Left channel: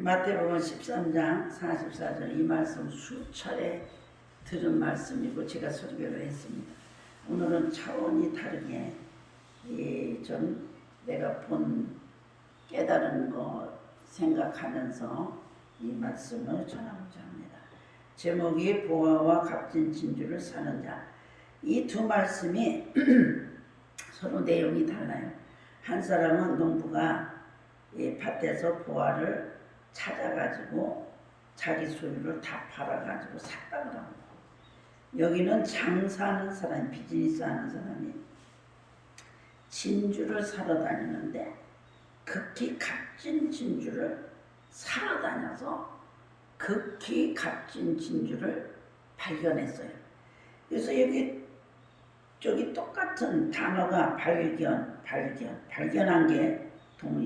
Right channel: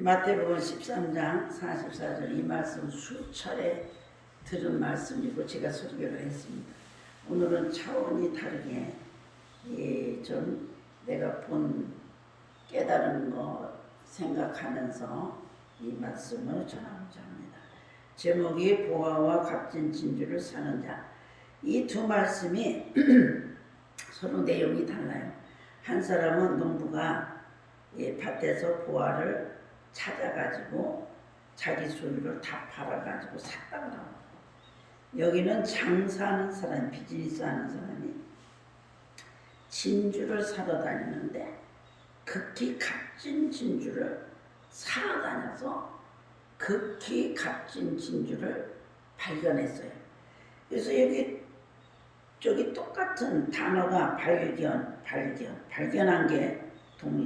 마태복음 13장 44절 이 말씀 수차례 들은 말씀이고 제가 설교를 했습니다. 오늘은 차원이 다르게 좀 내가 본 깨달은 거 생각하면서 이 말씀을 전하고자 합니다. 제목이 보화와 값진 진주를 사는 자. 이 두 말씀이 서로 내용이 달라요. 한 사람은 농부가 밭에서 보화를 찾아가지고 자기 소유를 다 팔아가지고 샀다 그럽니다. 여기는 장사하는 사람, 비즈니스 하는 사람이 진주를 사러 다니는데 극히 값진 진주를 사러 다녀서 극히 값진 진주를 발견했어요. 그래서 저기 똑같은 단어가 발견한 게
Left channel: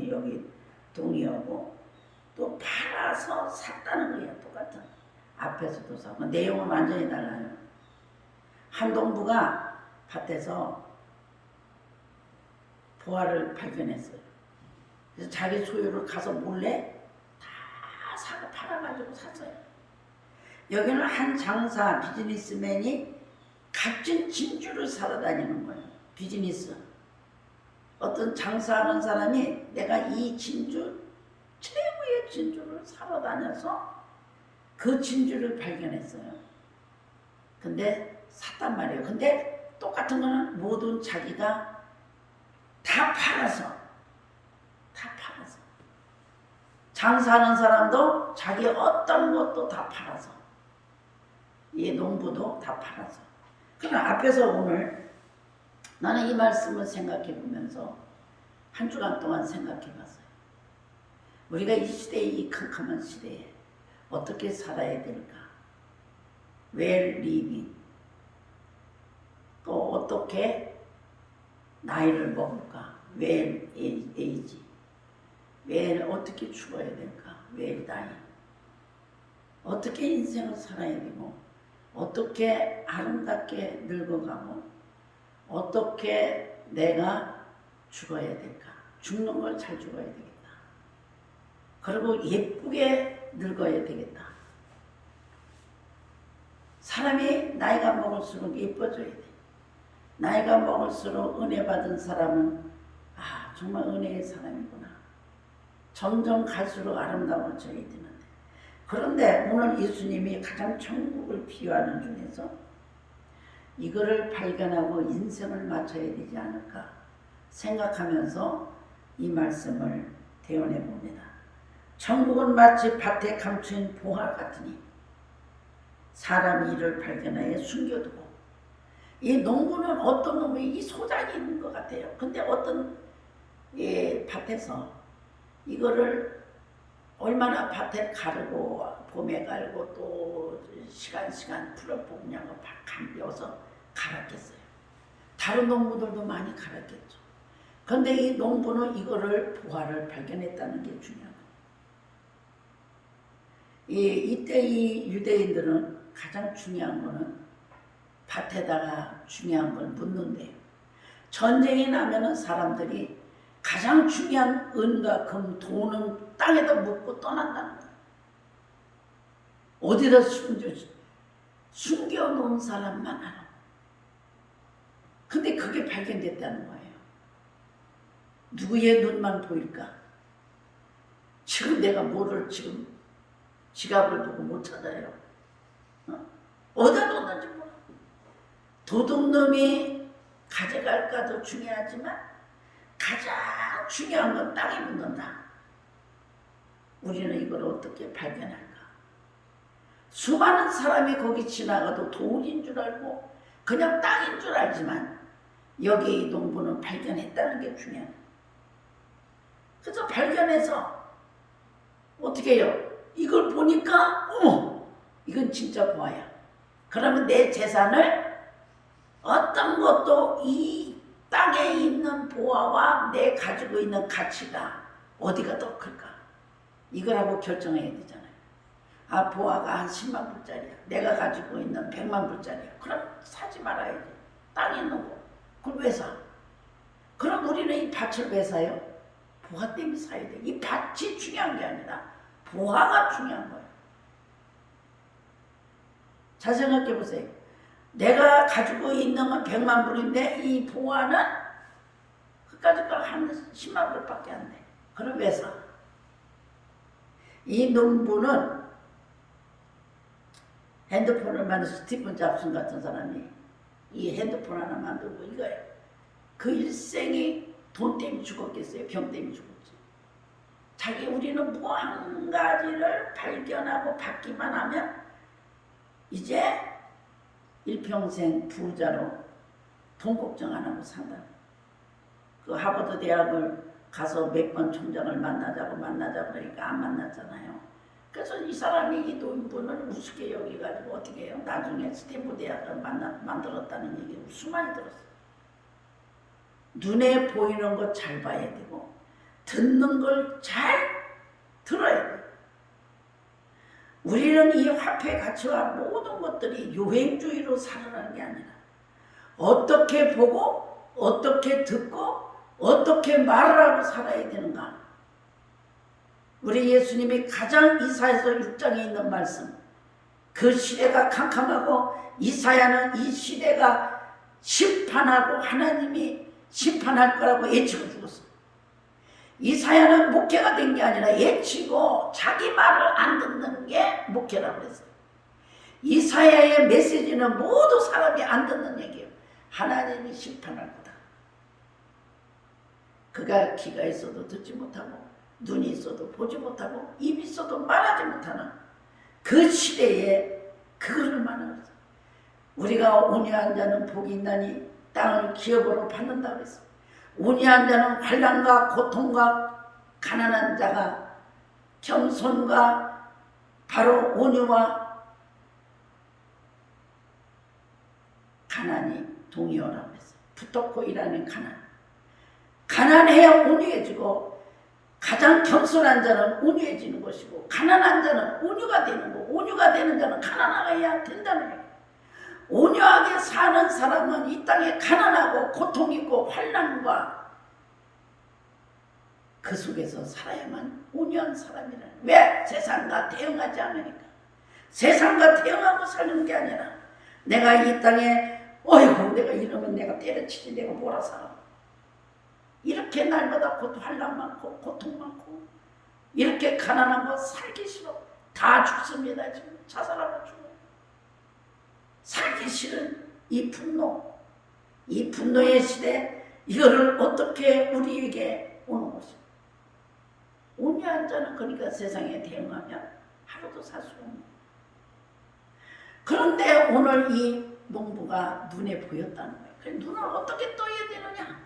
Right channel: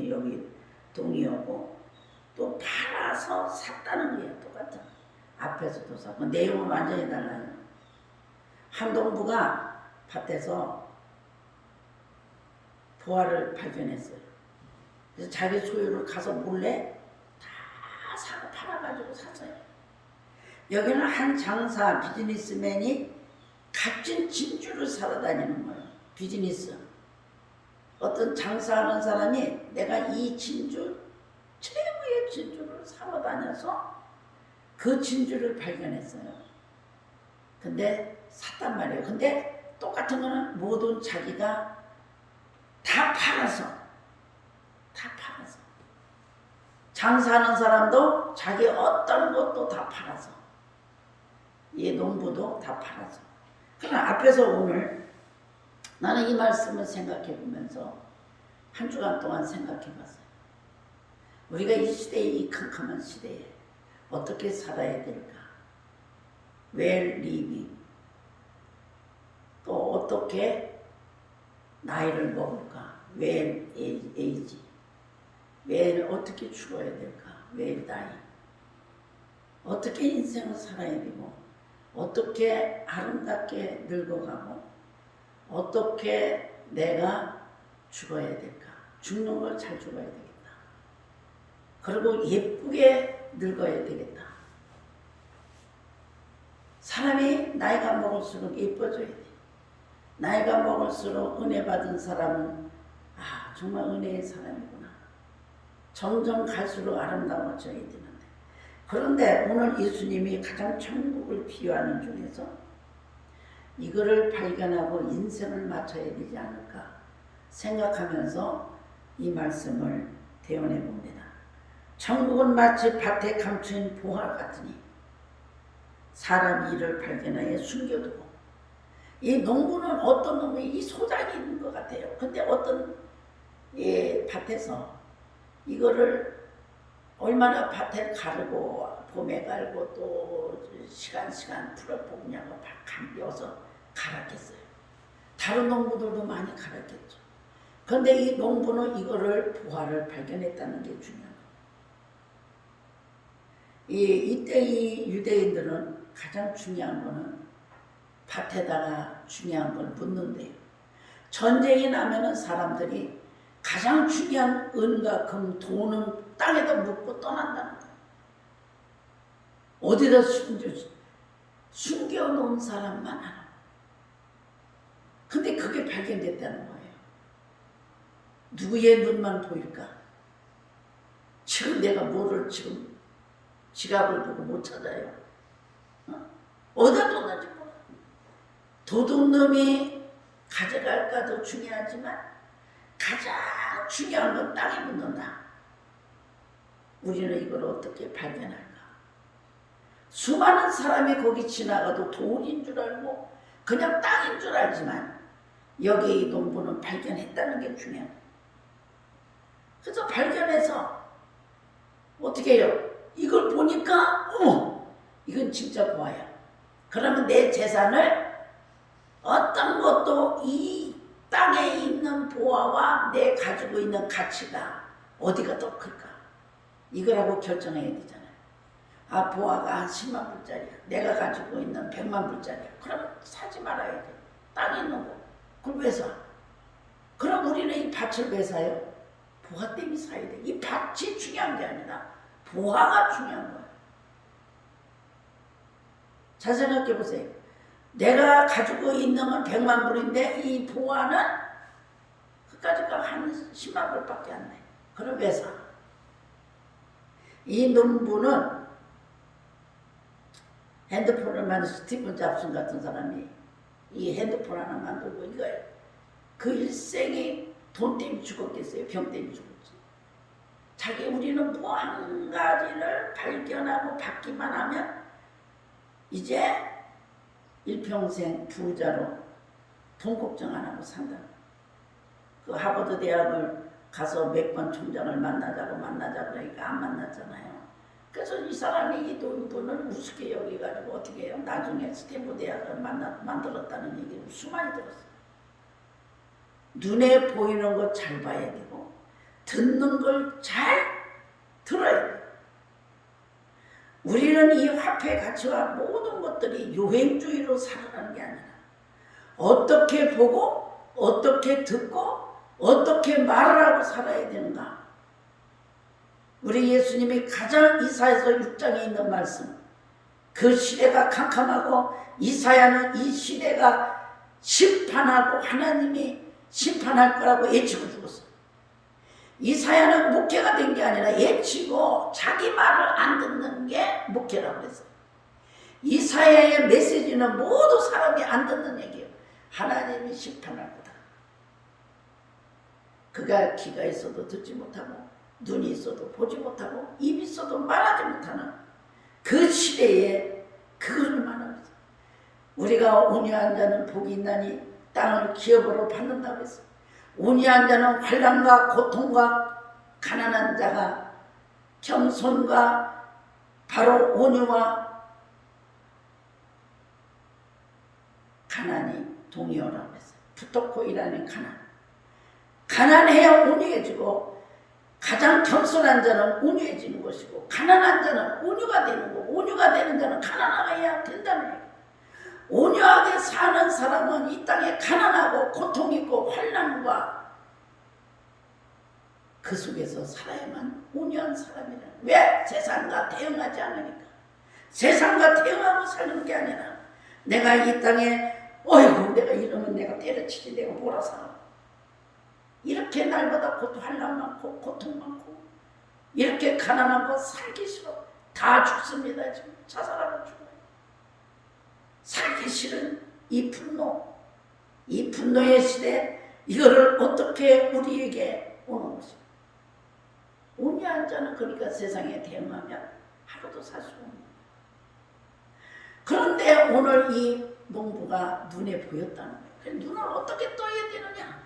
여기 동의어고 또 팔아서 샀다는 거예요. 똑같은. 앞에서도 사고 내용은 완전히 달라요. 한 농부가 밭에서 보화를 발견했어요. 그래서 자기 소유를 가서 몰래 다 사고 팔아가지고 샀어요. 여기는 한 장사 비즈니스맨이 값진 진주를 사러 다니는 거예요. 비즈니스. 어떤 장사하는 사람이 내가 이 진주 최고의 진주를 사러 다녀서 그 진주를 발견했어요. 근데 샀단 말이에요. 근데 똑같은 거는 모든 자기가 다 팔아서 장사하는 사람도 자기 어떤 것도 다 팔아서 이 농부도 다 팔아서. 그러나 앞에서 오늘 나는 이 말씀을 생각해 보면서 한 주간 동안 생각해 봤어요. 우리가 이 시대에, 이 캄캄한 시대에 어떻게 살아야 될까? Where live? 또 어떻게 나이를 먹을까? Where age? Where 어떻게 죽어야 될까? Where die? 어떻게 인생을 살아야 되고 어떻게 아름답게 늙어가고 어떻게 내가 죽어야 될까? 죽는 걸 잘 죽어야 되겠다. 그리고 예쁘게 늙어야 되겠다. 사람이 나이가 먹을수록 예뻐져야 돼. 나이가 먹을수록 은혜 받은 사람은 정말 은혜의 사람이구나. 점점 갈수록 아름다워져야 되는데. 그런데 오늘 예수님이 가장 천국을 비유하는 중에서 이거를 발견하고 인생을 맞춰야 되지 않을까 생각하면서 이 말씀을 대언해 봅니다. 천국은 마치 밭에 감추인 보화 같으니 사람이 이를 발견하여 숨겨두고. 이 농부는 어떤 놈이 이 소작이 있는 것 같아요. 근데 어떤 밭에서 이거를 얼마나 밭에 가르고 봄에 갈고 또 시간 풀어 뽑냐고 감겨서 갈았겠어요. 다른 농부들도 많이 갈았겠죠. 근데 이 농부는 이거를 보화를 발견했다는 게 중요한 거예요. 이때 이 유대인들은 가장 중요한 거는 밭에다가 중요한 걸 묻는데요. 전쟁이 나면은 사람들이 가장 중요한 은과 금, 돈은 땅에다 묻고 떠난다는 거예요. 어디다 숨겨놓은 사람만 알아. 근데 그게 발견됐다는 거예요. 누구의 눈만 보일까? 지금 내가 뭐를 지금 지갑을 보고 못 찾아요. 어디다 뒀는지 몰라. 도둑놈이 가져갈까도 중요하지만 가장 중요한 건 땅에 묻는다. 우리는 이걸 어떻게 발견할까? 수많은 사람이 거기 지나가도 돌인 줄 알고 그냥 땅인 줄 알지만 여기 이 농부는 발견했다는 게 중요합니다. 그래서 발견해서 어떻게 해요? 이걸 보니까 어머, 이건 진짜 보아야. 그러면 내 재산을 어떤 것도 이 땅에 있는 보화와 내 가지고 있는 가치가 어디가 더 클까? 이걸 하고 결정해야 되잖아요. 보화가 한 10만 불짜리야. 내가 가지고 있는 100만 불짜리야. 그럼 사지 말아야지. 땅에 있는 거. 그걸 왜 사? 그럼 우리는 이 밭을 왜 사요? 보화 때문에 사야 돼. 이 밭이 중요한 게 아니라 보화가 중요한 거예요. 잘 생각해 보세요. 내가 가지고 있는 건 100만 불인데 이 보화는 그까지가 한 10만 불밖에 안 돼. 그럼 왜 사? 이 농부는 핸드폰을 만든 스티븐 잡슨 같은 사람이 이 핸드폰 하나 만들고 이거예요. 그 일생이 돈 때문에 죽었겠어요? 병 때문에 죽었지. 자기 우리는 뭐 한 가지를 발견하고 받기만 하면 이제 일평생 부자로 돈 걱정 안 하고 산다. 그 하버드 대학을 가서 몇 번 총장을 만나자고 그러니까 안 만났잖아요. 그래서 이 사람이 이 노인분을 우습게 여기가지고 어떻게 해요? 나중에 스탠포드 대학을 만들었다는 얘기 수많이 들었어요. 눈에 보이는 거 잘 봐야 되고 듣는 걸 잘 들어야 돼요. 우리는 이 화폐 가치와 모든 것들이 유행주의로 살아가는 게 아니라 어떻게 보고 어떻게 듣고 어떻게 말을 하고 살아야 되는가. 우리 예수님이 가장 이사야서 6장에 있는 말씀, 그 시대가 캄캄하고 이사야는 이 시대가 심판하고 하나님이 심판할 거라고 예치고 죽었어. 이사야는 목회가 된 게 아니라 예치고 자기 말을 안 듣는 게 목회라고 했어요. 이사야의 메시지는 모두 사람이 안 듣는 얘기예요. 하나님이 심판할 거다. 그가 귀가 있어도 듣지 못하고 눈이 있어도 보지 못하고 입이 있어도 말하지 못하는 그 시대에 그거를 말하는 거죠. 우리가 온유한 자는 복이 있나니 땅을 기업으로 받는다고 했어요. 온유한 자는 환난과 고통과 가난한 자가 겸손과 바로 온유와 가난이 동의어라고 했어요. 부토코이라는 가난. 가난해야 온유해지고 가장 겸손한 자는 온유해지는 것이고 가난한 자는 온유가 되는 거고 온유가 되는 자는 가난해야 된다는 얘기예요. 온유하게 사는 사람은 이 땅에 가난하고 고통 있고 환난과 그 속에서 살아야만 온유한 사람이라. 왜? 세상과 대응하지 않으니까. 세상과 대응하고 사는 게 아니라 내가 이 땅에 어이구 내가 이러면 내가 때려치지 내가 뭐라 살아. 이렇게 날마다 환난 많고 고통 많고 이렇게 가난한 거 살기 싫어. 다 죽습니다. 지금 자살하고 죽어요. 살기 싫은 이 분노, 이 분노의 시대, 이거를 어떻게 우리에게 오는 것입니다. 온유한 자는 그러니까 세상에 대응하면 하루도 살 수 없는. 그런데 오늘 이 농부가 눈에 보였다는 거예요. 눈을 어떻게 떠야 되느냐?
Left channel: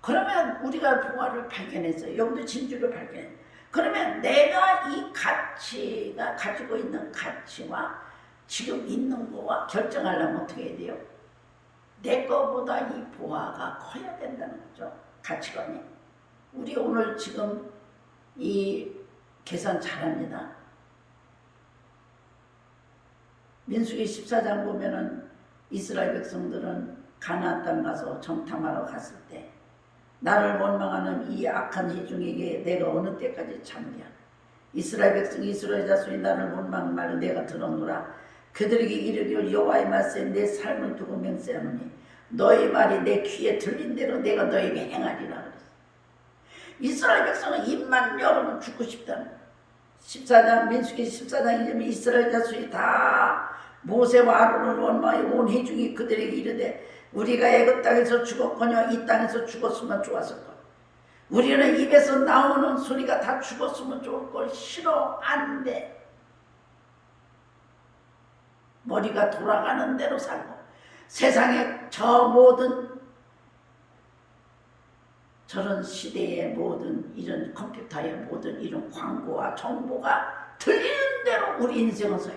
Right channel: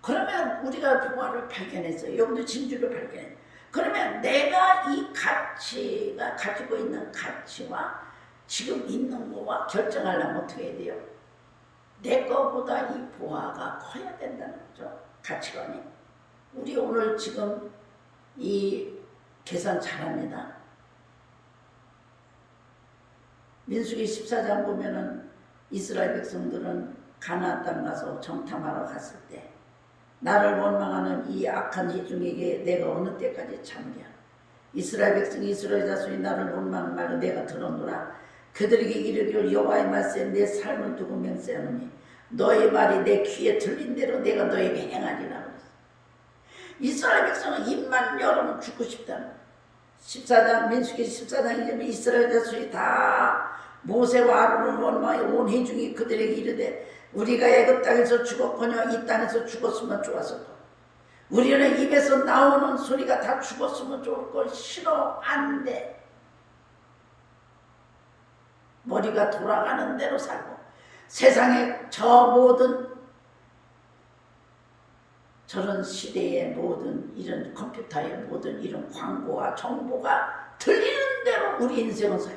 그러면 우리가 보화를 발견했어요. 여기도 진주를 발견했어요. 그러면 내가 이 가치가 가지고 있는 가치와 지금 있는 거와 결정하려면 어떻게 해야 돼요? 내 거보다 이 보화가 커야 된다는 거죠. 가치관이. 우리 오늘 지금 이 계산 잘합니다. 민수기 14장 보면은 이스라엘 백성들은 가나안 땅 가서 정탐하러 갔을 때 나를 원망하는 이 악한 회중에게 내가 어느 때까지 참으랴. 이스라엘 백성이 이스라엘 자손이 나를 원망 말고 내가 들었노라. 그들에게 이르기를 여호와의 말씀에 내 삶을 두고 맹세하노니 너의 말이 내 귀에 들린 대로 내가 너에게 행하리라 그랬어. 이스라엘 백성은 입만 열으면 죽고 싶다는 거야. 14장 민수기 14장 이전에 이스라엘 자손이 다 모세와 아론을 원망해 온 회중이 그들에게 이르되 우리가 애굽 땅에서 죽었거니와 이 땅에서 죽었으면 좋았을 것. 우리는 입에서 나오는 소리가 다 죽었으면 좋을 걸. 싫어. 안 돼. 머리가 돌아가는 대로 살고 세상에 저 모든 저런 시대의 모든 이런 컴퓨터의 모든 이런 광고와 정보가 들리는 대로 우리 인생은 서요.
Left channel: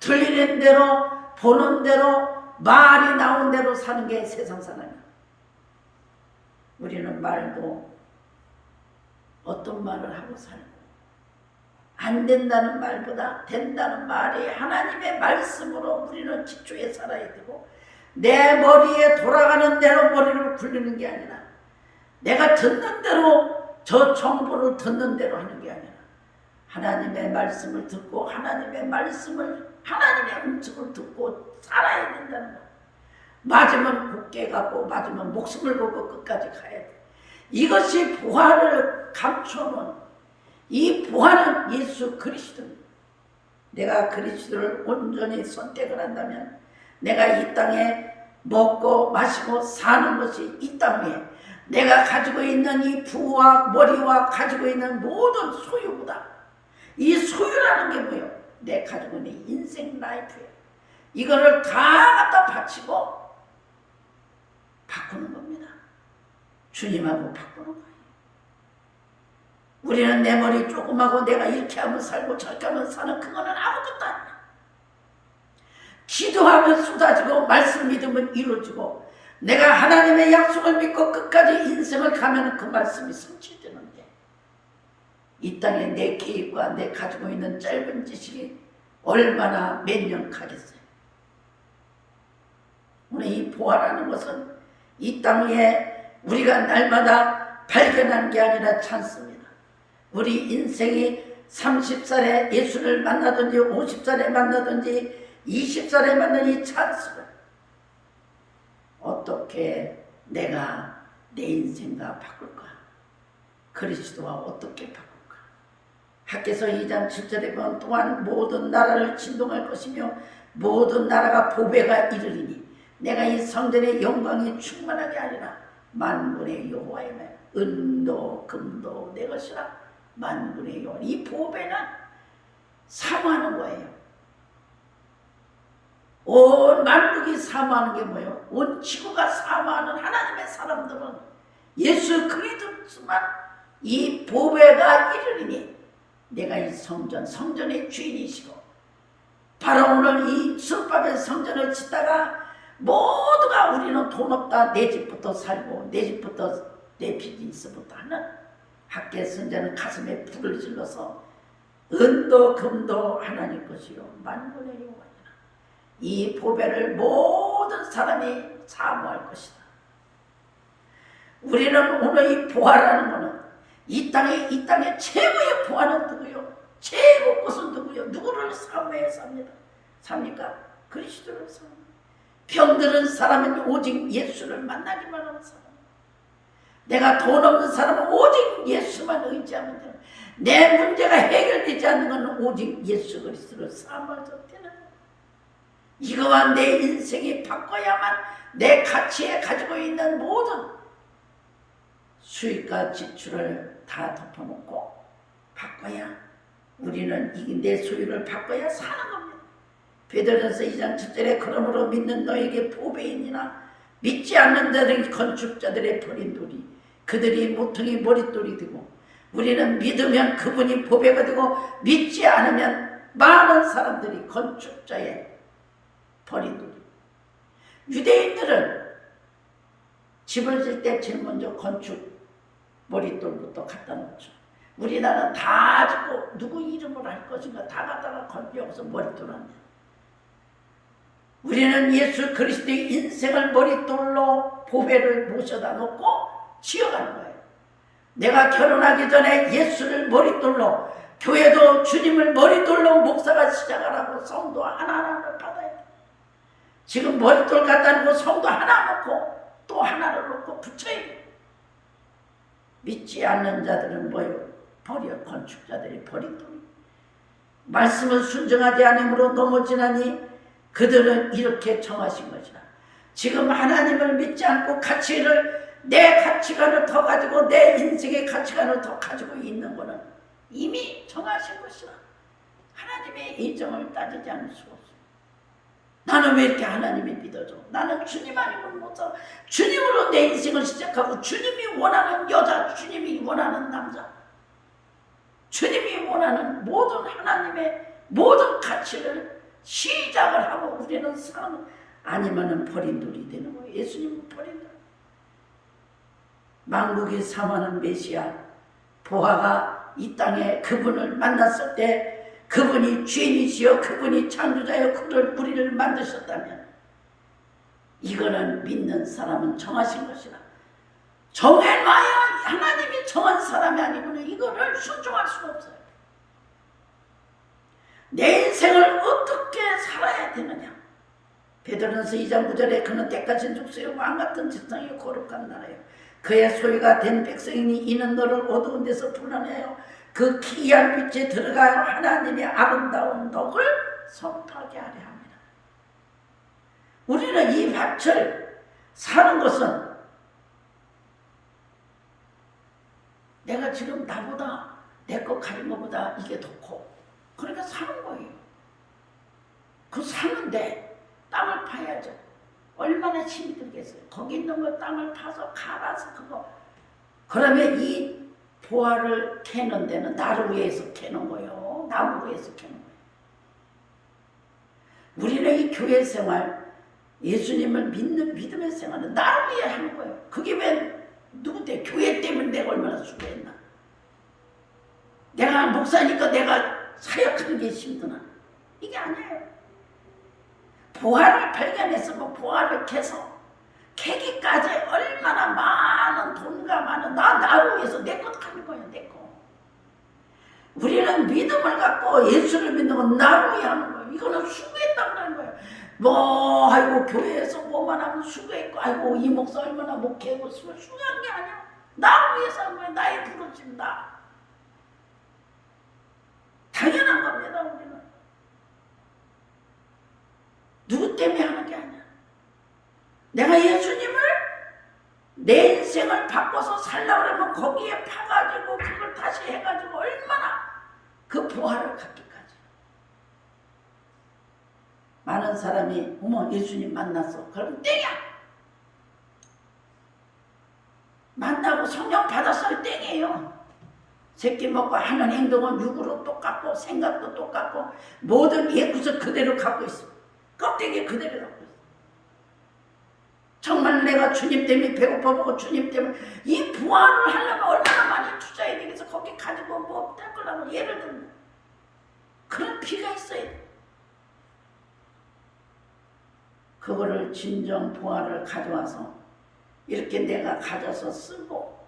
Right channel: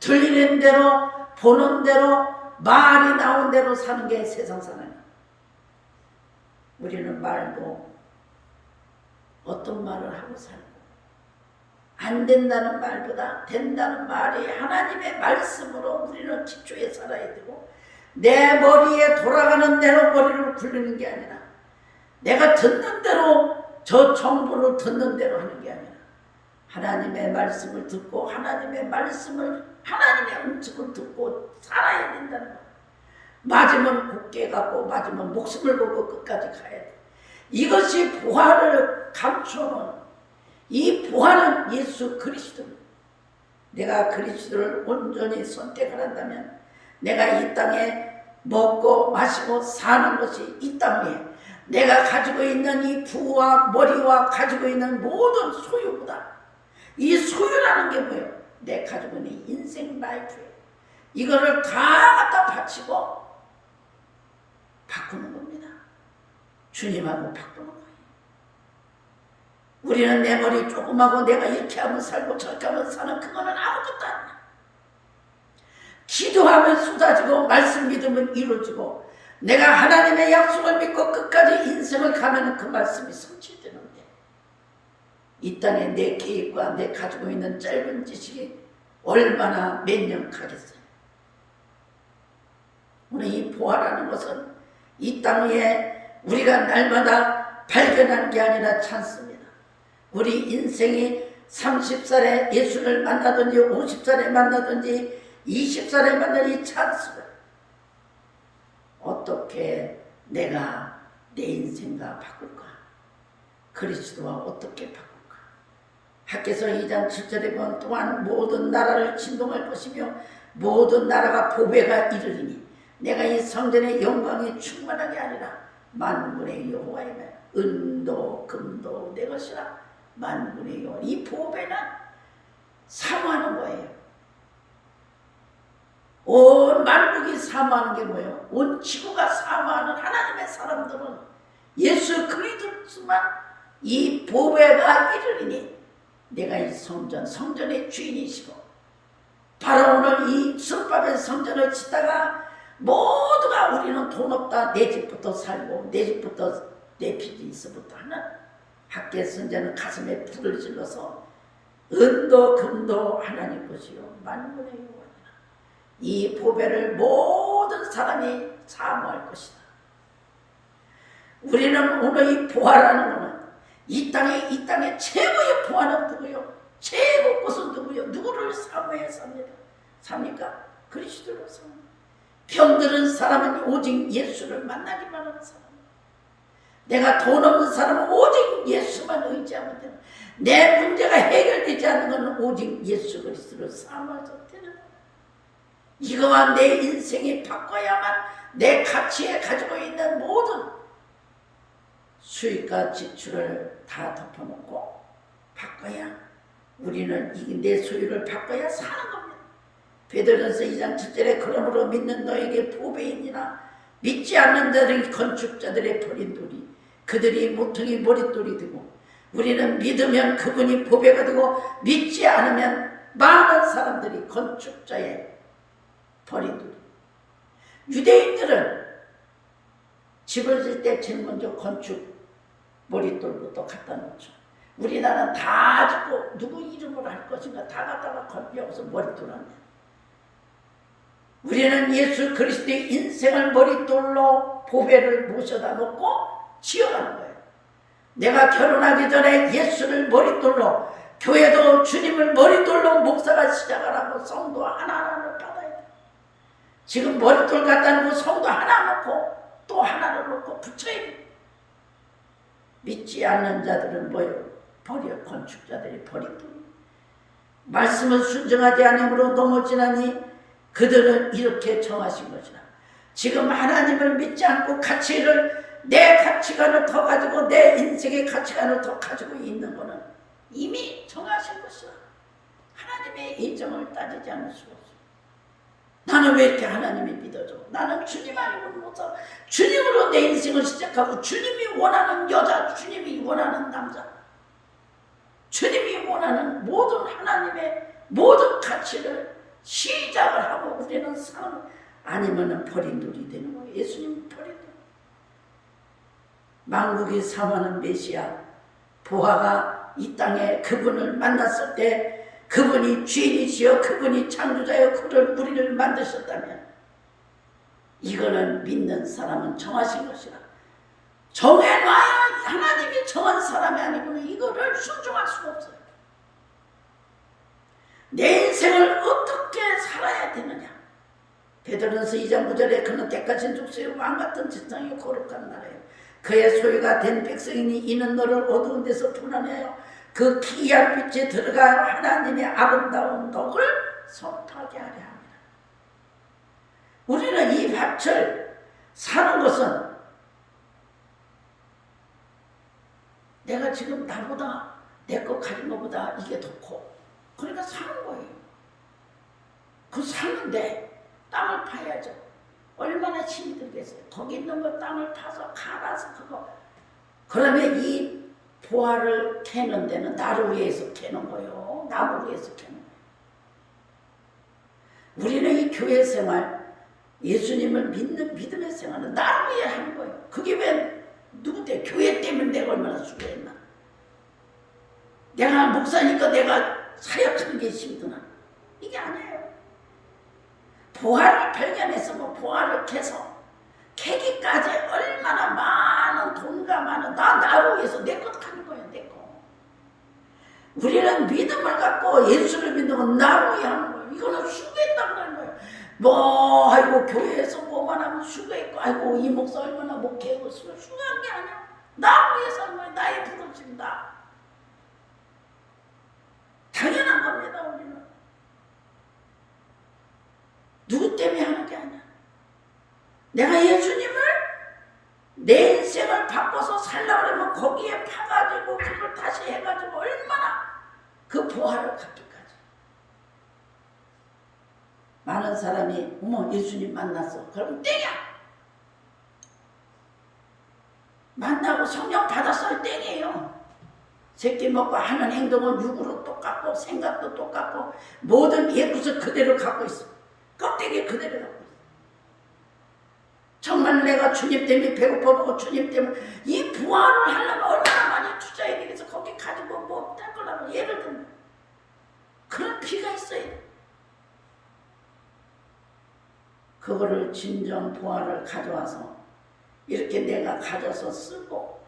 들리는 대로 보는 대로 말이 나온 대로 사는 게 세상 사람이에요. 우리는 말도 어떤 말을 하고 살고 안 된다는 말보다 된다는 말이 하나님의 말씀으로 우리는 기초에 살아야 되고 내 머리에 돌아가는 대로 머리를 굴리는 게 아니라 내가 듣는 대로 저 정보를 듣는 대로 하는 게 아니라 하나님의 말씀을 듣고 하나님의 음성을 듣고 살아야 된다는 거예요. 맞으면 굳게 가고 맞으면 목숨을 걸고 끝까지 가야 돼. 이것이 부활을 감추는, 이 부활은 예수 그리스도입니다. 내가 그리스도를 온전히 선택을 한다면 내가 이 땅에 먹고 마시고 사는 것이 이 땅 위에 내가 가지고 있는 이 부와 머리와 가지고 있는 모든 소유보다, 이 소유라는 게 뭐예요? 내 가지고 있는 인생 라이프예요. 이거를 다 갖다 바치고 바꾸는 겁니다. 주님하고 바꾸는 거예요. 우리는 내 머리 조금하고 내가 이렇게 하면 살고 저렇게 하면 사는 그거는 아무것도 아니야. 기도하면 쏟아지고 말씀 믿으면 이루어지고 내가 하나님의 약속을 믿고 끝까지 인생을 가면 그 말씀이 성취되는데, 이 땅에 내 계획과 내 가지고 있는 짧은 지식이 얼마나 몇 년 가겠어요. 오늘 이 부활하는 것은 이 땅 위에 우리가 날마다 발견하는 게 아니라 찬스입니다. 우리 인생이 30살에 예수를 만나든지 50살에 만나든지 20살에 만난 이 찬스를 어떻게 내가 내 인생과 바꿀까? 그리스도와 어떻게 바꿀까? 학개서 2장 7절에 보면 또한 모든 나라를 진동할 것이며 모든 나라가 보배가 이르리니 내가 이 성전의 영광이 충만하게 아니라 만군의 여호와의 말 은도 금도 내 것이라. 만군의 여호와, 이 보배는 사모하는 거예요. 온 만국이 사모하는 게 뭐예요? 온 지구가 사모하는 하나님의 사람들은 예수 그리스도만 이 보배가 이르리니 내가 이 성전의 주인이시고, 바로 오늘 이 술밥의 성전을 짓다가 모두가 우리는 돈 없다, 내 집부터 살고 내 집부터 내 비즈니스부터 하는 학계 선자는 가슴에 불을 질러서 은도 금도 하나님 것이요 만군의 여호와니라. 이 보배를 모든 사람이 사모할 것이다. 우리는 오늘 이 부활하는 것은 이 땅에 최고의 부활은 누구요? 최고 것은 누구요? 누구를 사모해 삽니까? 그리스도를 사모해. 병드는 사람은 오직 예수를 만나기만 하는 사람. 내가 돈 없는 사람은 오직 예수만 의지하면 돼요. 내 문제가 해결되지 않는 것은 오직 예수 그리스도를 사모해서 되는 거예요. 이거와 내 인생이 바꿔야만 내 가치에 가지고 있는 모든 수익과 지출을 다 덮어놓고 바꿔야, 우리는 내 소유를 바꿔야 사는 겁니다. 베드로전서 2장 7절에 그러므로 믿는 너에게 보배이니라. 믿지 않는 자들이 건축자들의 버린 돌이 그들이 모퉁이 머릿돌이 되고, 우리는 믿으면 그분이 보배가 되고 믿지 않으면 많은 사람들이 건축자의 버린 돌이. 유대인들은 집을 질 때 제일 먼저 건축 머릿돌부터 갖다 놓죠. 우리나라는 다 짓고 누구 이름으로 할 것인가 다 갖다가 여기서 머릿돌 합니다. 우리는 예수 그리스도의 인생을 머릿돌로 보배를 모셔다 놓고 지어가는 거예요. 내가 결혼하기 전에 예수를 머릿돌로, 교회도 주님을 머릿돌로 목사가 시작하라고 성도 하나하나를 받아야 돼요. 지금 머릿돌 갖다 놓고 성도 하나 놓고 또 하나를 놓고 붙여야 돼요. 믿지 않는 자들은 뭐예요? 버려. 건축자들이 버린 돌. 말씀을 순종하지 않음으로 넘어지나니 그들은 이렇게 정하신 것이라. 지금 하나님을 믿지 않고 내 가치관을 더 가지고 내 인생의 가치관을 더 가지고 있는 것은 이미 정하신 것이라. 하나님의 예정을 따지지 않을 수 없어. 나는 왜 이렇게 하나님이 믿어줘? 나는 주님 아니고는 못 살아. 주님으로 내 인생을 시작하고, 주님이 원하는 여자, 주님이 원하는 남자, 주님이 원하는 모든 하나님의 모든 가치를 시작을 하고 우리는 사는, 아니면은 버린 돌이 되는 거예요. 예수님은 버린 돌. 만국이 사모하는 메시아 보아가 이 땅에 그분을 만났을 때 그분이 주인이시여 그분이 창조자여 그를 우리를 만드셨다면 이거는 믿는 사람은 정하신 것이라. 정해놔야 하나님이 정한 사람이 아니고는 이거를 순종할 수가 없어요. 내 인생을 어떻게 살아야 되느냐. 베드로전서 2장 9절에 그는 때까지 죽수요 왕같은 지성이 거룩한 나라요 그의 소유가 된 백성이니 이는 너를 어두운 데서 불안해요 그 기이한 빛에 들어가 하나님의 아름다운 덕을 선포하게 하려 합니다. 우리는 이 밭을 사는 것은 내가 지금 나보다 내 거 가진 것보다 이게 더 커. 그러니까 사는 거예요. 그 사는데 땅을 파야죠. 얼마나 힘이 들겠어요. 거기 있는 거 땅을 파서 갈아서 그거. 그러면 이 보화를 캐는 데는 나루 위에서 캐는 거예요. 나무 위에서 캐는 거예요. 우리는 이 교회 생활, 예수님을 믿는 믿음의 생활은 나루 위에 하는 거예요. 그게 왜 누군데 교회 때문에 내가 얼마나 수고했나. 내가 목사니까 내가 사역하는 게 힘드나. 이게 아니에요. 보화를 발견해서 뭐 보화를 캐서 캐기까지 얼마나 많은 돈과 많은 나로 위해서 내 것 하는 거예요. 내 거. 우리는 믿음을 갖고 예수를 믿는 건 나로 위해 하는 거예요. 이거는 수고했다고 하는 거예요. 뭐 아이고 교회에서 뭐만 하면 수고했고 아이고 이 목사 얼마나 목회하고 수고한 게 아니야. 나를 위해서 하는 거예요. 나의 부르심 나. 당연한 겁니다. 우리는. 누구 때문에 하는 게 아니야. 내가 예수님을 내 인생을 바꿔서 살려고 그러면 거기에 파가지고 그걸 다시 해가지고 얼마나 그 보화를 갖기까지. 많은 사람이 어머 예수님 만났어. 그럼 땡이야. 만나고 성령 받았어요. 땡이에요. 새끼 먹고 하는 행동은 육으로 똑같고 생각도 똑같고 모든 옛구석 그대로 갖고 있어. 껍데기 그대로 갖고 있어. 정말 내가 주님 때문에 배고파보고 주님 때문에 이 부활을 하려면 얼마나 많이 투자해야 되겠어. 거기 가지고 뭐 뗄 거라고 예를 들면 그런 피가 있어야 돼. 그거를 진정 부활을 가져와서 이렇게 내가 가져서 쓰고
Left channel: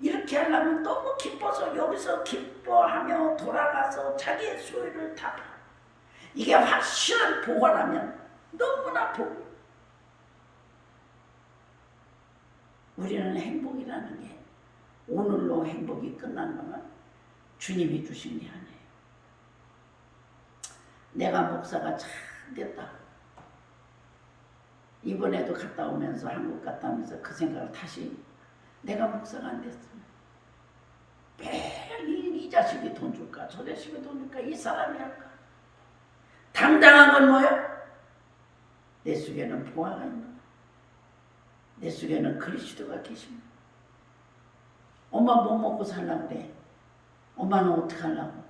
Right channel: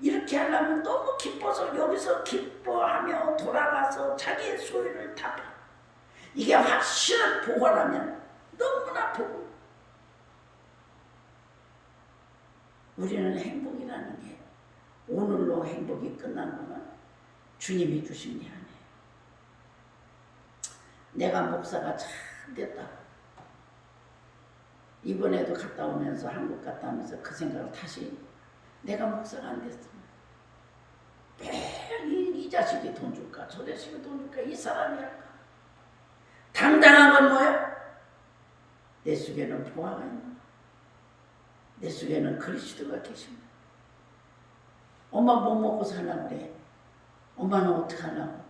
이렇게 하려면 너무 기뻐서 여기서 기뻐하며 돌아가서 자기의 소유를 다 파. 이게 확실한 보화라면 너무나 보고 우리는 행복이라는 게 오늘로 행복이 끝난 거는 주님이 주신 게 아니에요. 내가 목사가 잘 됐다. 이번에도 갔다 오면서 한국 갔다 오면서 그 생각을 다시 내가 목사가 안 됐으면 매일 이 자식이 돈 줄까 저 자식이 돈 줄까 이 사람이 할까. 당당한 건 뭐예요? 내 속에는 보화가 있는 거야. 내 속에는 그리스도가 계신 거야. 엄마 뭐 먹고 살라고 그래? 엄마는 어떻게 하려고?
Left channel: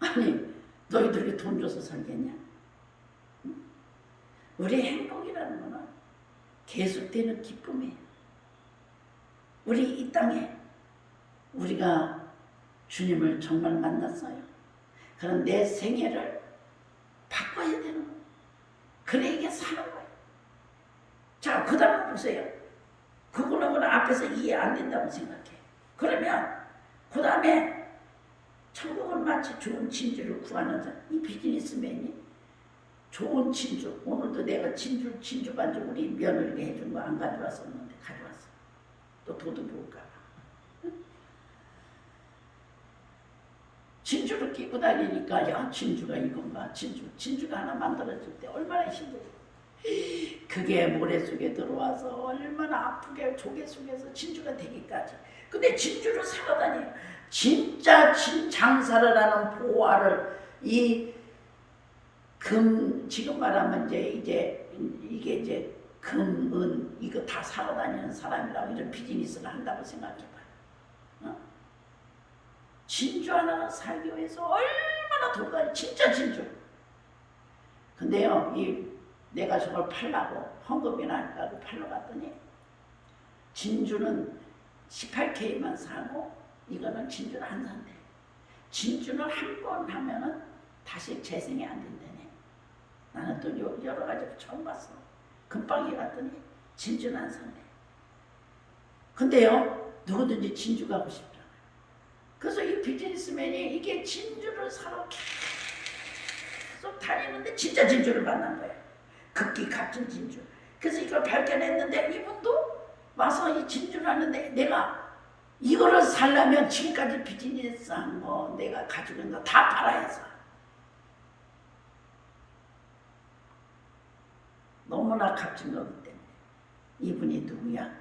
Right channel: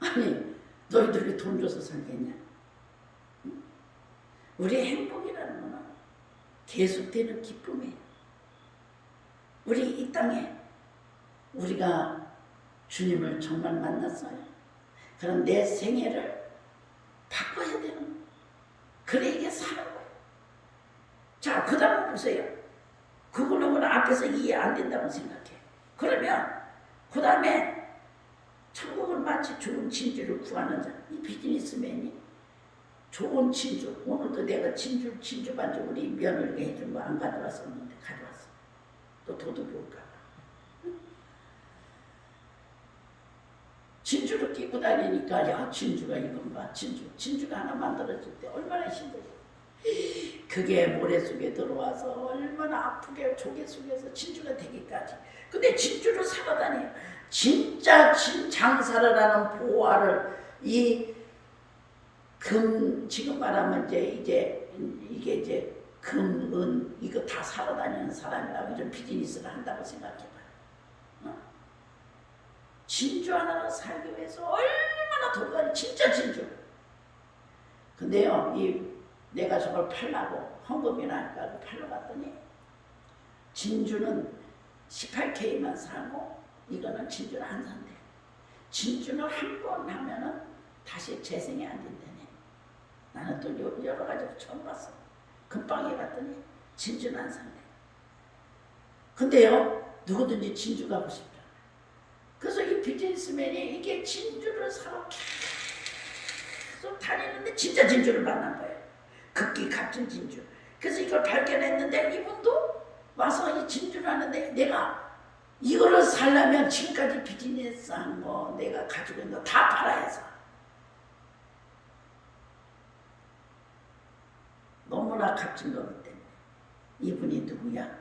아니 너희들이 돈 줘서 살겠냐? 응? 우리의 행복이라는 거는 계속되는 기쁨이에요. 우리 이 땅에 우리가 주님을 정말 만났어요. 그럼 내 생애를 바꿔야 되는 거예요. 그래 이게 사는 거예요. 자, 그 다음에 보세요. 그거는 앞에서 이해 안 된다고 생각해. 그러면 그 다음에 천국은 마치 좋은 진주를 구하는 자. 이 비즈니스맨이 좋은 진주. 오늘도 내가 진주 반죽 우리 며느리가 해준 거 안 가져왔었는데 가져왔어. 또 도둑이 올까 봐. 진주를 끼고 다니니까 야 진주가 이건가 진주가 하나 만들어질 때 얼마나 힘들지. 그게 모래 속에 들어와서 얼마나 아프게 조개 속에서 진주가 되기까지. 근데 진주를 사러 다녀요. 진짜 장사를 하는 보화를 이 금 지금 말하면 이제 이게 이제 금, 은 이거 다 사러 다니는 사람이라고 이런 비즈니스를 한다고 생각해봐요. 어? 진주 하나를 살기 위해서 얼마나 돌아다니 진짜 진주. 근데요 내가 저걸 팔라고 헌금이나 할까 팔러 갔더니 진주는 18K만 사고 이거는 진주를 안 산대. 진주는 한 번 하면은 다시 재생이 안 된다네. 나는 또 여러 가지 처음 봤어. 금방에 갔더니 진주는 안 산대. 근데요, 누구든지 진주 가고 싶잖아요. 그래서 이 비즈니스맨이 이게 진주를 사러 계속 다니는데 진짜 진주를 만난 거예요. 극기 값진 진주. 그래서 이걸 발견했는데 이분도 와서 이 진주를 하는데 내가 이거를 살려면 지금까지 비즈니스 한 거 내가 가지고 있는 거 다 팔아야 해서 너무나 값진 거기 때문에. 이분이 누구야?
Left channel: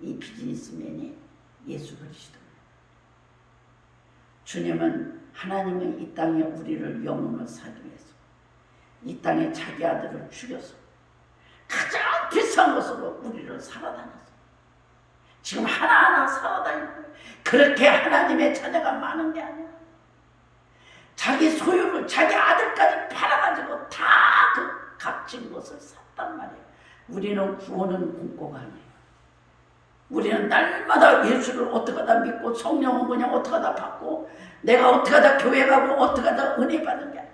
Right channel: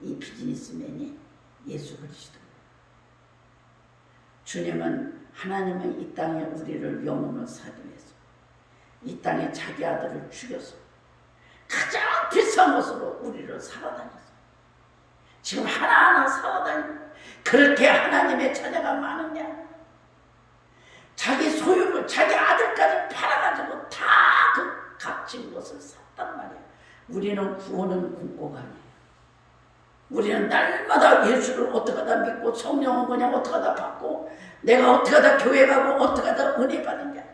이 비즈니스맨이 예수 그리스도예요. 주님은, 하나님은 이 땅에 우리를 영혼을 살기 위해서 이 땅에 자기 아들을 죽여서 가장 비싼 것으로 우리를 살아다녔어요. 지금 하나하나 살아다니는, 그렇게 하나님의 자녀가 많은 게 아니야. 자기 소유를, 자기 아들까지 팔아가지고 다 그 값진 것을 샀단 말이야. 우리는 구원은 꿈꿔가 아니에요. 우리는 날마다 예수를 어떻게 하다 믿고 성령은 그냥 어떻게 하다 받고 내가 어떻게 하다 교회 가고 어떻게 하다 은혜 받은 게 아니야.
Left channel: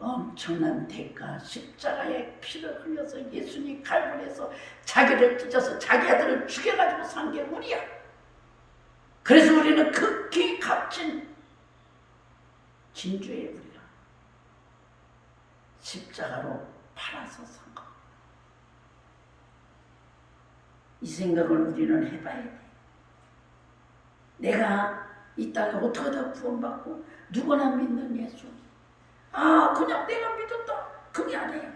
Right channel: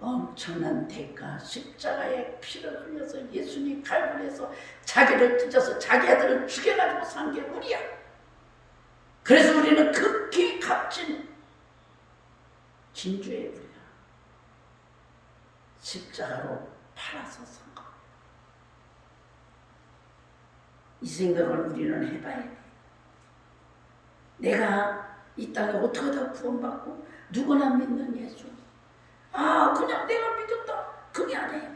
엄청난 대가, 십자가에 피를 흘려서 예수님 갈보리에서 자기를 찢어서 자기 아들을 죽여가지고 산 게 우리야. 그래서 우리는 극히 값진 진주예요. 우리가 십자가로 팔아서 산 거. 이 생각을 우리는 해봐야 돼. 내가 이 땅에 어떻게 하다 구원받고 누구나 믿는 예수, 그냥 내가 믿었다, 그게 아니에요.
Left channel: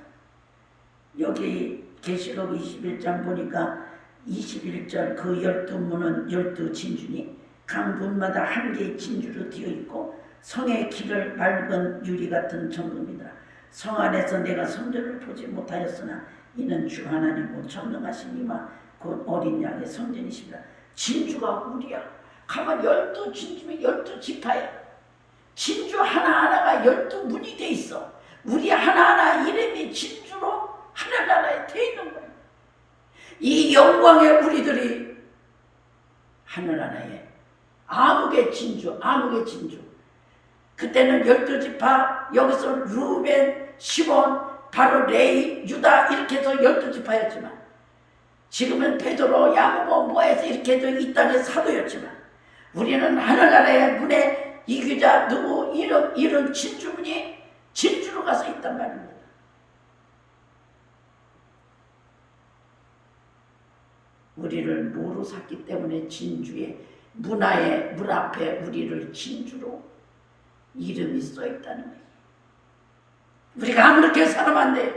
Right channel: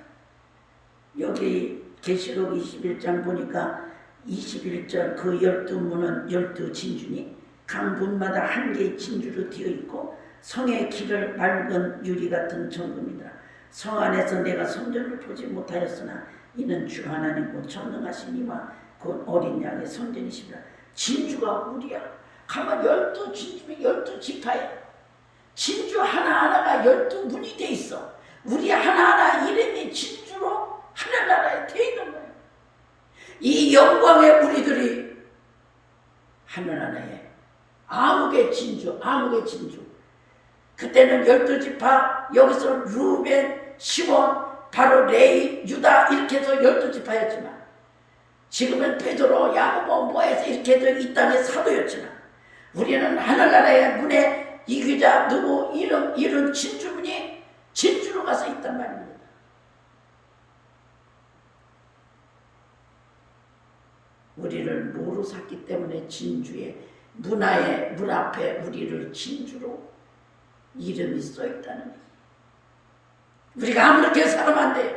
여기 계시록 21장 보니까 21절 그 12문은 12진주니 각 문마다 한 개의 진주로 되어 있고 성의 길을 맑은 유리 같은 정금이다. 성 안에서 내가 성전을 보지 못하였으나 이는 주 하나님과 전능하신 이와 곧 어린 양의 성전이시라. 진주가 우리야. 가만 12진주면 12지파야. 진주 하나하나가 12문이 돼 있어. 우리 하나하나 이름이 진주로 하늘나라에 돼 있는 거예요. 이 영광의 우리들이 하늘나라에 아무개 진주, 아무개 진주. 그때는 12지파, 여기서 루벤, 시몬, 바로 레위, 유다 이렇게 해서 12지파였지만 지금은 베드로, 야고보 뭐 해서 이렇게 해서 이 땅의 사도였지만 우리는 하늘나라의 문에 이규자 누구 이런 진주문이 진주로 가서 있단 말입니다. 우리를 뭐로 샀기 때문에 진주의 문화의 문 앞에 우리를 진주로 이름이 써있다는 얘기. 우리가 아무렇게 살면 안 돼요.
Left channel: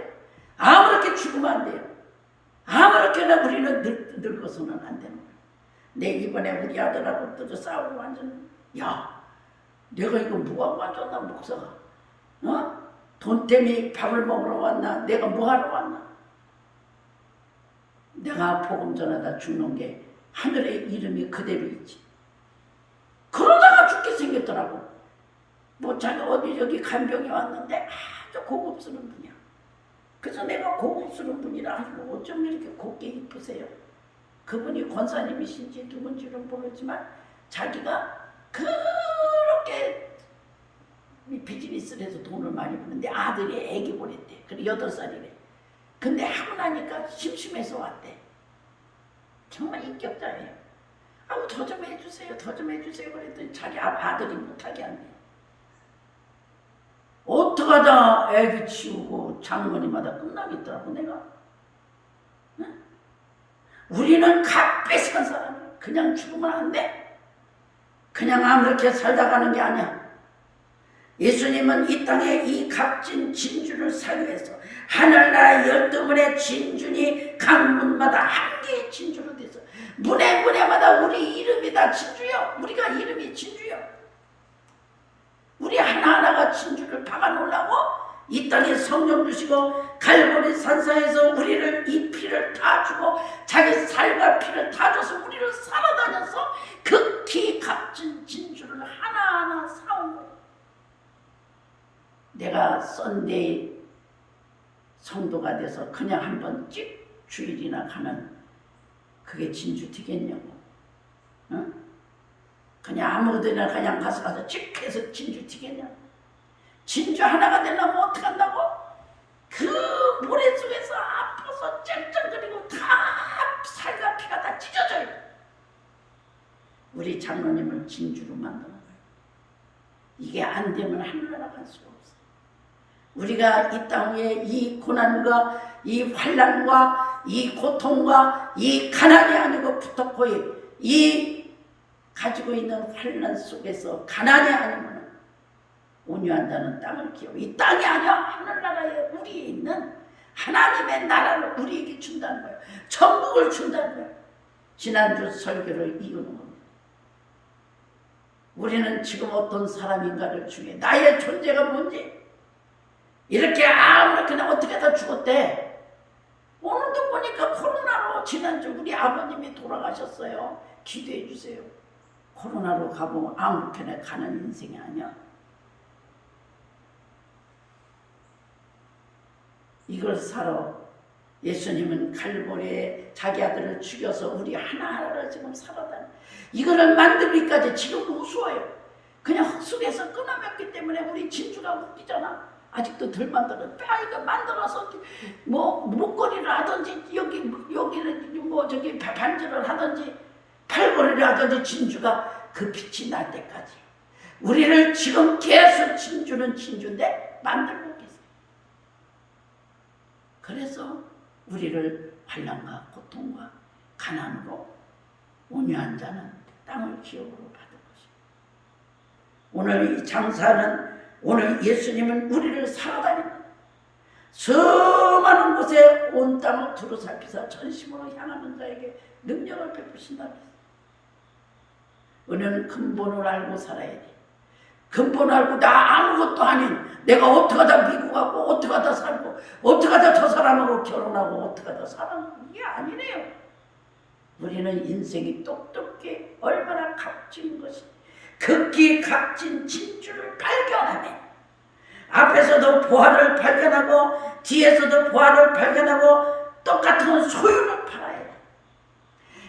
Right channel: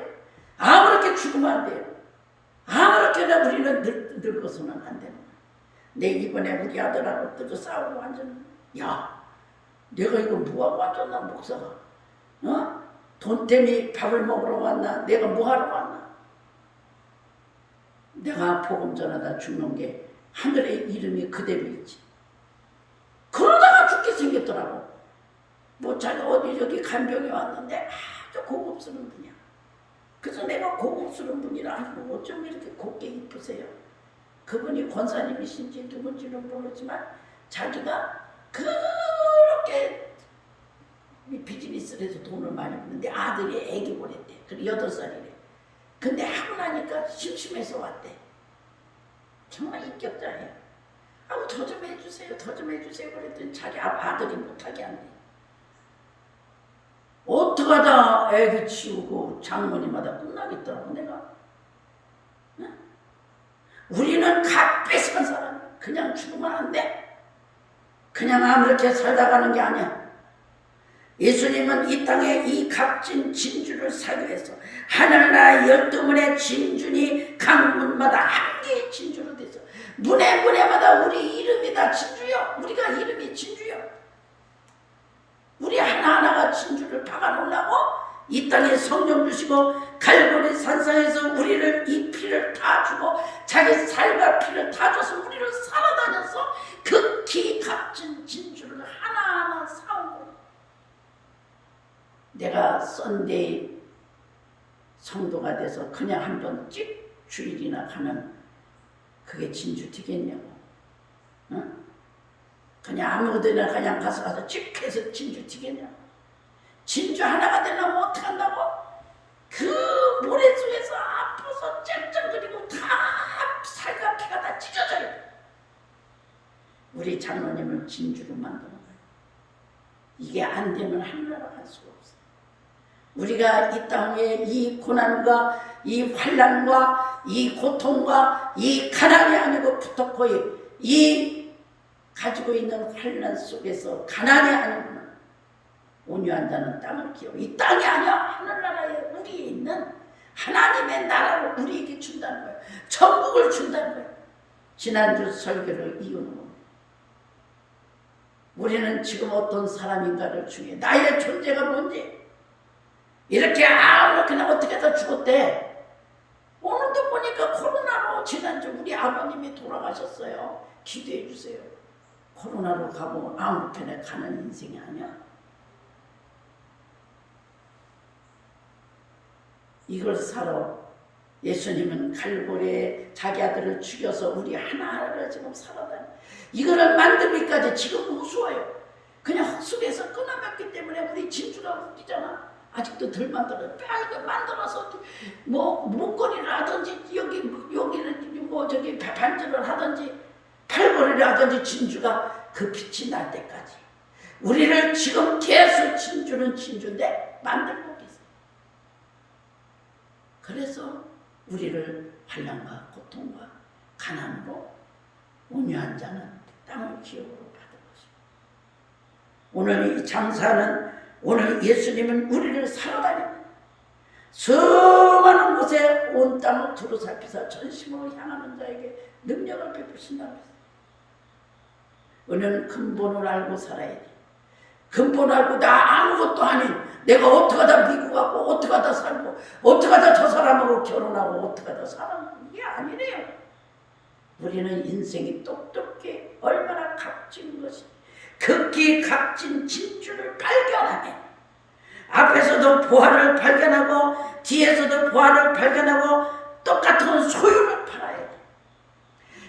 아무렇게 죽으면 안 돼요. 아무렇게나 우리는 늙어서는 안 되는 거예요. 내 이번에 우리 아들하고 또 싸우고 완전, 야, 내가 이거 뭐하고 왔었나 목사가? 돈 때문에 밥을 먹으러 왔나? 내가 뭐하러 왔나? 내가 복음 전하다 죽는 게 하늘의 이름이 그대로 있지. 그러다가 죽게 생겼더라고. 뭐 자기가 어디 저기 간병에 왔는데 아주 고급스러운 분이야. 그래서 내가 고급스러운 분이라 하고 어쩜 이렇게 곱게 이쁘세요? 그분이 권사님이신지 누군지는 모르지만 자기가 그렇게 비즈니스를 해서 돈을 많이 버는데 아들이 애기 보냈대. 그래 8살이래. 근데 하고 나니까 심심해서 왔대. 정말 인격자예요. 더 좀 해주세요. 더 좀 해주세요. 그랬더니 자기 아들이 못하게 한대. 어떡하다 애기 치우고 장모님마다 끝나겠더라고 내가. 응? 우리는 값비 산 사람이야. 그냥 죽으면 안 돼. 그냥 아무렇게 살다 가는 게 아니야. 예수님은 이 땅에 이 값진 진주를 사기 위해서 하늘나라 12문의 진주니 각 문마다 한 개의 진주로 돼서 문에마다 우리 이름이 다 진주요. 우리가 이름이 진주요. 우리 하나하나가 진주를 박아놓으려고 이 땅에 성령 주시고 갈보리 산상에서 우리를 이 피를 다 주고 자기 살과 피를 다 줘서 우리를 살아다녀서 극히 값진 진주를 하나하나 사온 거예요. 내가 썬데이 성도가 돼서 그냥 한번 찍 주일이나 가면 그게 진주 되겠냐고. 응? 그냥 아무데나 그냥 가서 찍 해서 진주 튀겠냐. 진주 하나가 되려면 어떻게 한다고? 그 모래 속에서 아파서 ጨጨ거리고 다 살과 피가 다 찢어져야 돼. 우리 장로님을 진주로 만드는 거예요. 이게 안 되면 하늘나라 갈 수가 없어요. 우리가 이 땅에 이 고난과 이 환난과 이 고통과 이 가난이 아니고 부탁거리 이 가지고 있는 환난 속에서 가난이 아니면 온유한 자는 땅을 기업고 이 땅이 아니야 하늘나라에 우리에 있는 하나님의 나라를 우리에게 준다는 거예요. 천국을 준다는 거예요. 지난주 설교를 이루는 겁니다. 우리는 지금 어떤 사람인가를 중요해. 나의 존재가 뭔지 이렇게 아무렇게나 어떻게 다 죽었대. 오늘도 보니까 코로나로 지난주 우리 아버님이 돌아가셨어요. 기도해 주세요. 코로나로 가고 아무렇게나 가는 인생이 아니야. 이걸 살아. 예수님은 갈보리에 자기 아들을 죽여서 우리 하나하나를 지금 살아다니. 이거를 만들기까지 지금 우스워요. 그냥 흙속에서 끊어냈기 때문에 우리 진주가 웃기잖아. 아직도 덜 만들어. 이거 만들어서 뭐 목걸이를 하든지 여기는 뭐 저기 반지를 하든지 팔걸이를 하든지 진주가 그 빛이 날 때까지 우리를 지금 계속 진주는 진주인데 만들고 계세요. 그래서 우리를 환난과 고통과 가난으로 온유한 자는 땅을 기업으로 받을 것이고 오늘 이 장사는 오늘 예수님은 우리를 살아다닙니다. 수많은 곳에 온 땅을 두루살피사 전심으로 향하는 자에게 능력을 베푸신다고 했어요. 우리는 근본을 알고 살아야 돼. 근본을 알고 나 아무것도 아닌 내가 어떻게 하다 미국 가고 어떻게 하다 살고 어떻게 하다 저 사람하고 결혼하고 어떻게 하다 살아가고 이게 아니래요. 우리는 인생이 똑똑히 얼마나 값진 것이 극히 값진 진주를 발견하네. 앞에서도 보화를 발견하고 뒤에서도 보화를 발견하고 똑같은 소유를 팔아야 돼.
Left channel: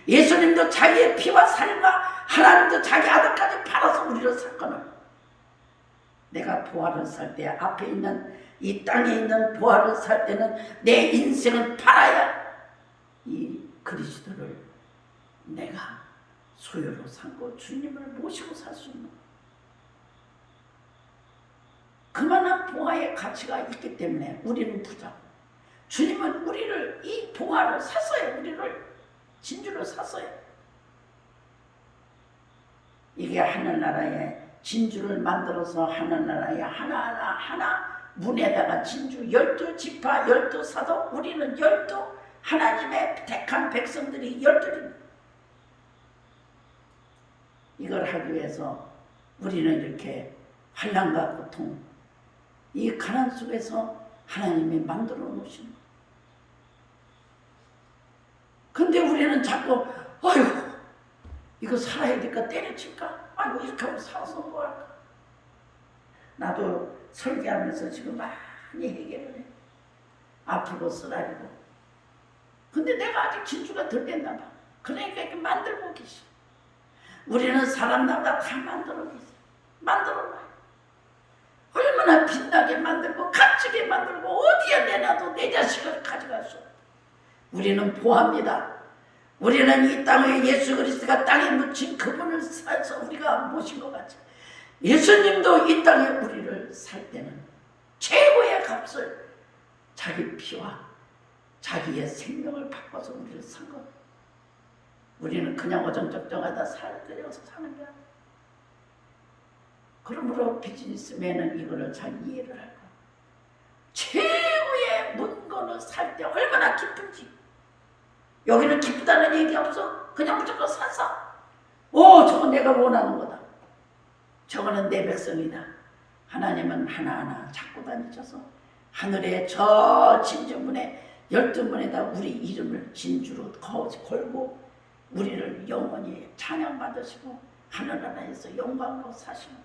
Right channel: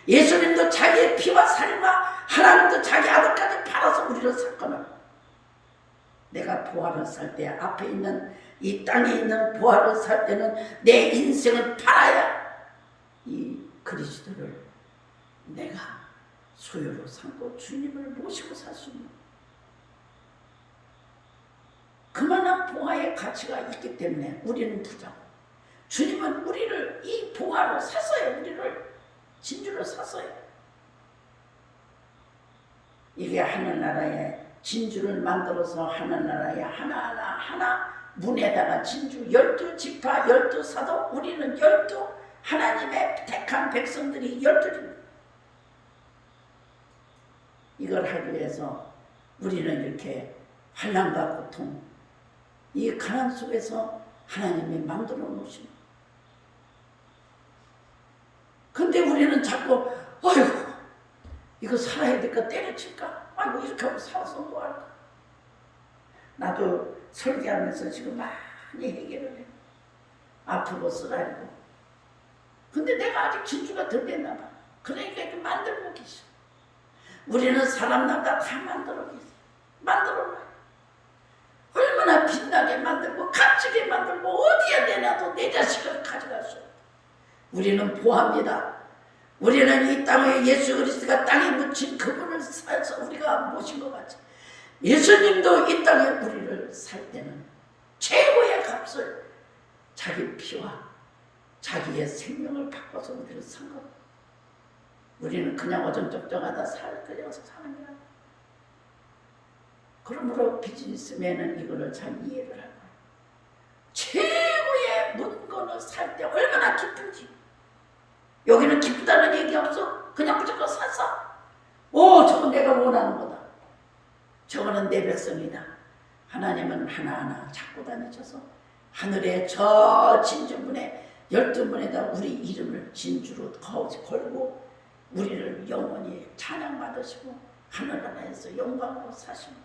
예수님도 자기의 피와 살과 하나님도 자기 아들까지 팔아서 우리를 샀거늘. 내가 보화를 살 때 앞에 있는 이 땅에 있는 보화를 살 때는 내 인생을 팔아야 이 그리스도를 내가 소유로 삼고 주님을 모시고 살 수 있는 그만한 보화의 가치가 있기 때문에 우리는 부자고 주님은 우리를 이 보화로 샀어요. 우리를 진주로 샀어요. 이게 하늘나라에 진주를 만들어서 하늘나라에 하나 문에다가 진주 12지파 12사도 우리는 12 하나님의 택한 백성들이 12입니다. 이걸 하기 위해서 우리는 이렇게 환난과 고통 이 가난 속에서 하나님이 만들어 놓으신 거예요. 근데 우리는 자꾸 아이고 이거 살아야 될까 때려칠까 아이고 이렇게 하고 살아서 뭐 할까. 나도 설계하면서 지금 많이 해결을 해. 아프고 쓰라리고. 근데 내가 아직 진주가 덜 됐나 봐. 그러니까 이렇게 만들고 계셔. 우리는 사람마다 다 만들어 계세요. 만들어 놔요. 얼마나 빛나게 만들고 값지게 만들고 어디에 내놔도 내 자식을 가져갈 수 없다. 우리는 보합니다. 우리는 이 땅에 예수 그리스도가 땅에 묻힌 그분을 살서 우리가 모신 것 같이 예수님도 이 땅에 우리를 살 때는 최고의 값을 자기 피와 자기의 생명을 바꿔서 우리를 산 겁니다. 우리는 그냥 어정쩡쩡하다 그려서 사는 게 아니야. 그러므로 비즈니스맨은 이거를 잘 이해를 할 거야. 최고의 문건을 살 때 얼마나 기쁜지. 여기는 기쁘다는 얘기 없어. 그냥 무조건 샀어. 오, 저건 내가 원하는 거다. 저거는 내 백성이다. 하나님은 하나하나 찾고 다니셔서 하늘의 저 진주문에 12문에다 우리 이름을 진주로 걸고 우리를 영원히 찬양받으시고 하늘나라에서 영광으로 사시는.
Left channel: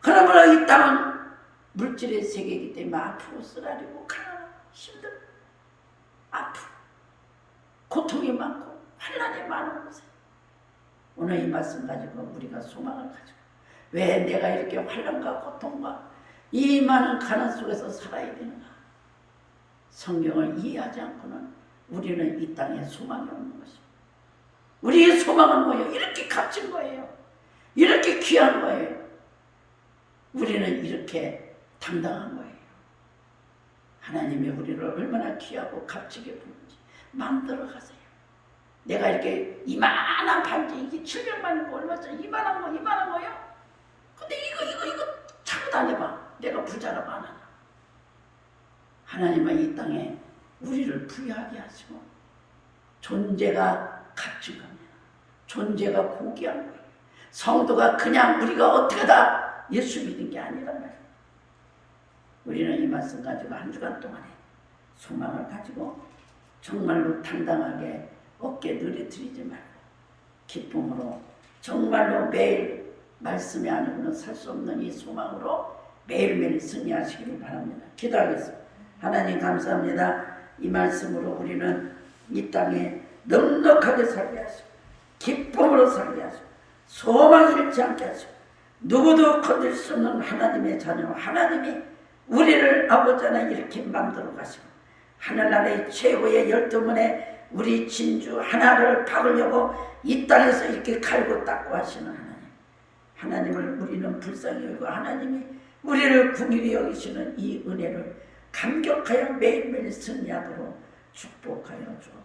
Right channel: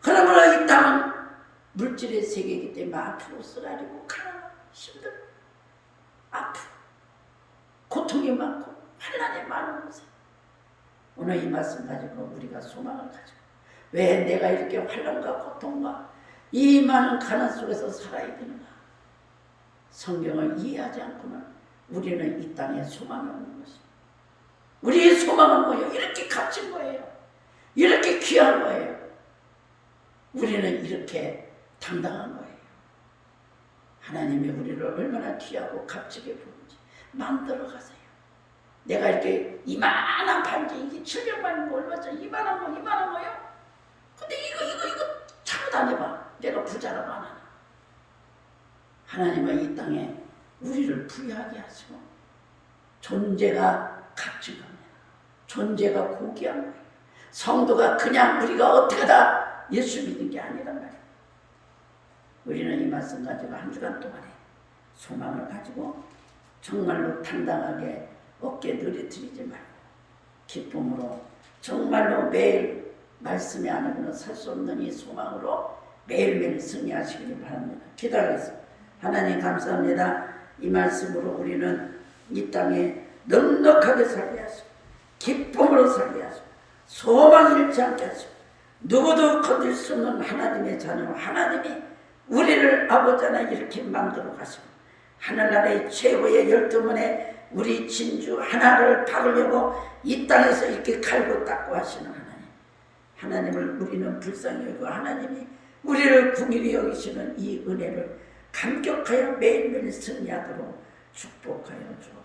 그러므로 이 땅은 물질의 세계이기 때문에 아프고 쓰라리고 가난하고 힘들고 아프고 고통이 많고 환난이 많은 곳에 오늘 이 말씀 가지고 우리가 소망을 가지고 왜 내가 이렇게 환난과 고통과 이 많은 가난 속에서 살아야 되는가. 성경을 이해하지 않고는 우리는 이 땅에 소망이 없는 것입니다. 우리의 소망은 뭐예요? 이렇게 값진 거예요. 이렇게 귀한 거예요. 우리는 이렇게 당당한 거예요. 하나님이 우리를 얼마나 귀하고 값지게 부른지 만들어 가세요. 내가 이렇게 이만한 반지, 이게 700만이면 얼마짜리? 이만한 거요? 근데 이거 차고 다녀봐. 내가 부자라고 안 하냐. 하나님은 이 땅에 우리를 부유하게 하시고 존재가 값진 겁니다. 존재가 고귀한 거예요. 성도가 그냥 우리가 어떻게 다 예수 믿는 게 아니란 말이에요. 우리는 이 말씀 가지고 한 주간 동안에 소망을 가지고 정말로 당당하게 어깨 느리뜨리지 말고 기쁨으로 정말로 매일 말씀이 아니고는 살 수 없는 이 소망으로 매일매일 승리하시기를 바랍니다. 기도하겠습니다. 하나님 감사합니다. 이 말씀으로 우리는 이 땅에 넉넉하게 살게 하시고 기쁨으로 살게 하시고 소망 잃지 않게 하시고 누구도 건들 수 없는 하나님의 자녀 하나님이 우리를 아버지 하나님 이렇게 만들어 가시고 하늘나라의 최고의 12문에 우리 진주 하나를 박으려고 이 땅에서 이렇게 갈고 닦고 하시는 하나님, 하나님을 우리는 불쌍히 여기고 하나님이 우리를 긍휼히 여기시는 이 은혜를 감격하여 매일매일 승리하도록 축복하여 주옵소서.